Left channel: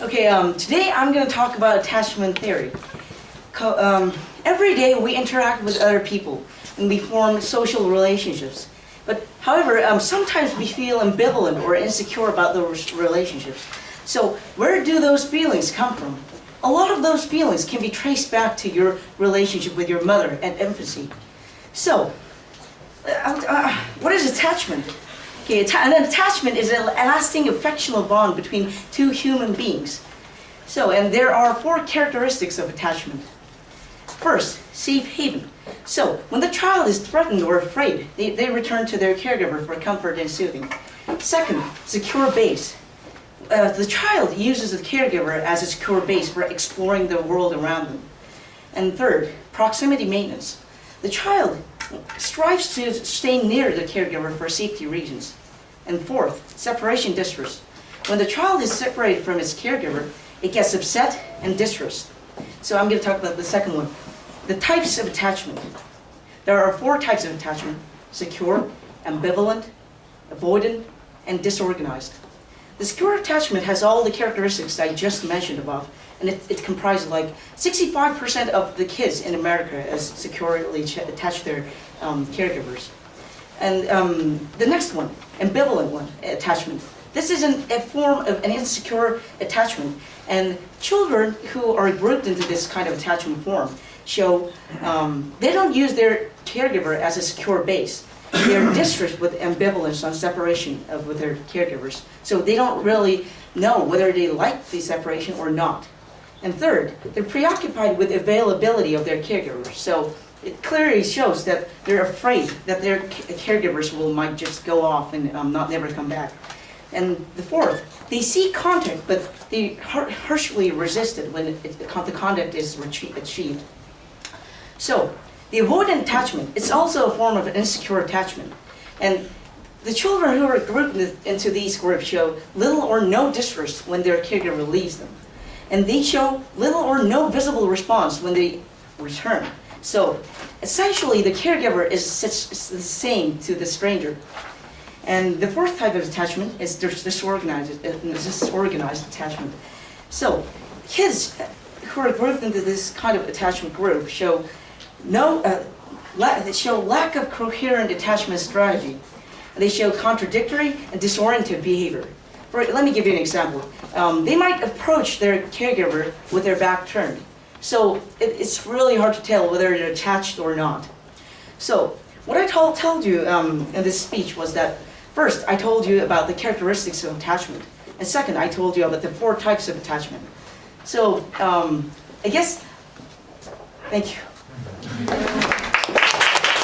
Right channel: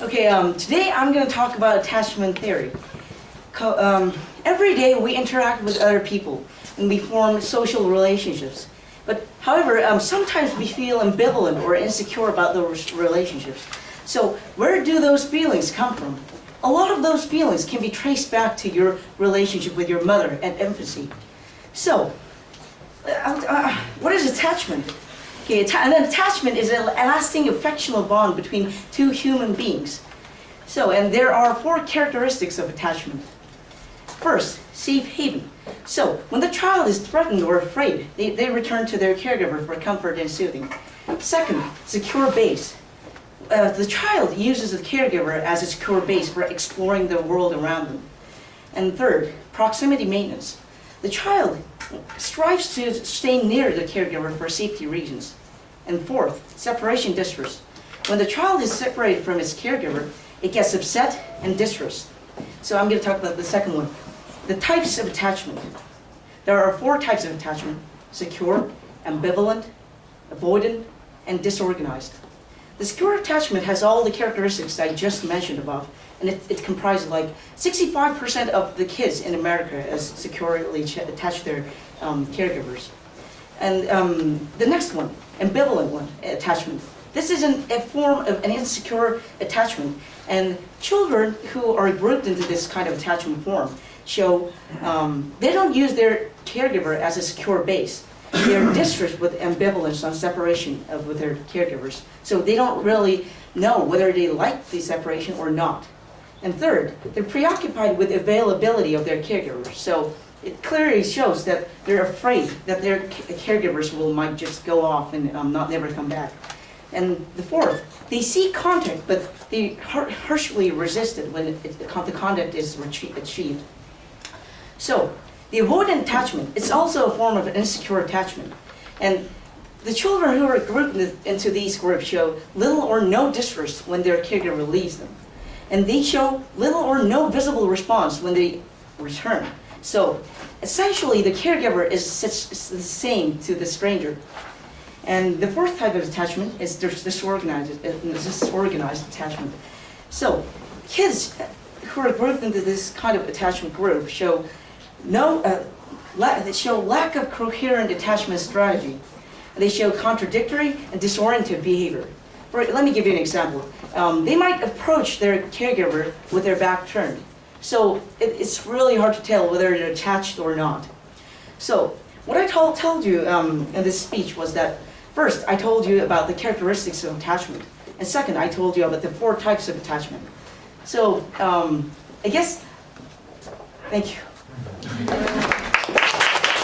Okay, today I'm going to talk about attachment theory. Every day we interact with other people and we form social relationships. But however, sometimes we feel ambivalent or insecure about those relationships. So where do those feelings come from? A lot of those feelings can be traced back to your relationship with your mother at infancy. So, what is attachment? Okay, an attachment is a lasting affectional bond between two human beings. So, and there are 4 characteristics of attachment. First, safe haven. So, when the child is threatened or afraid, they return to their caregiver for comfort and soothing. Second, secure base. The child uses the caregiver as a secure base for exploring the world around them. And third, proximity maintenance. The child strives to stay near the caregiver for safety reasons. And fourth, separation distress. When the child is separated from its caregiver, it gets upset and distressed. So I'm going to talk about the second one. The types of attachment. There are 4 types of attachment: secure, ambivalent, avoidant, and disorganized. The secure attachment has all the characteristics I just mentioned above, and it comprises like 65% of the kids in America as securely attached to their caregivers. And the next one, ambivalent attachment. This is a form of an insecure attachment, and children who are grouped into this kind of attachment form show they don't use their caregiver as a secure base. They're distressed with ambivalence on separation with their caregivers. So they don't really know whether they like the separation or not. And third, they're preoccupied with availability of their caregivers. So it clearly shows that they're afraid that their caregivers might just go off and never come back. And the fourth, they seek contact, but they harshly resist it when the contact is achieved. So, the avoidant attachment, it's also a form of an insecure attachment. And the children who are grouped into these groups show little or no distress when their caregiver leaves them. And they show little or no visible response when they return. So, essentially, the caregiver is the same to the stranger. And the fourth type of attachment is disorganized attachment. So, kids who are grouped into this kind of attachment group show they show lack of coherent attachment strategy. They show contradictory and disoriented behavior. Let me give you an example. They might approach their caregiver with their back turned. So it's really hard to tell whether they're attached or not. So what I told you in this speech was that first I told you about the characteristics of attachment. And second, I told you about the 4 types of attachment. So I guess, thank you.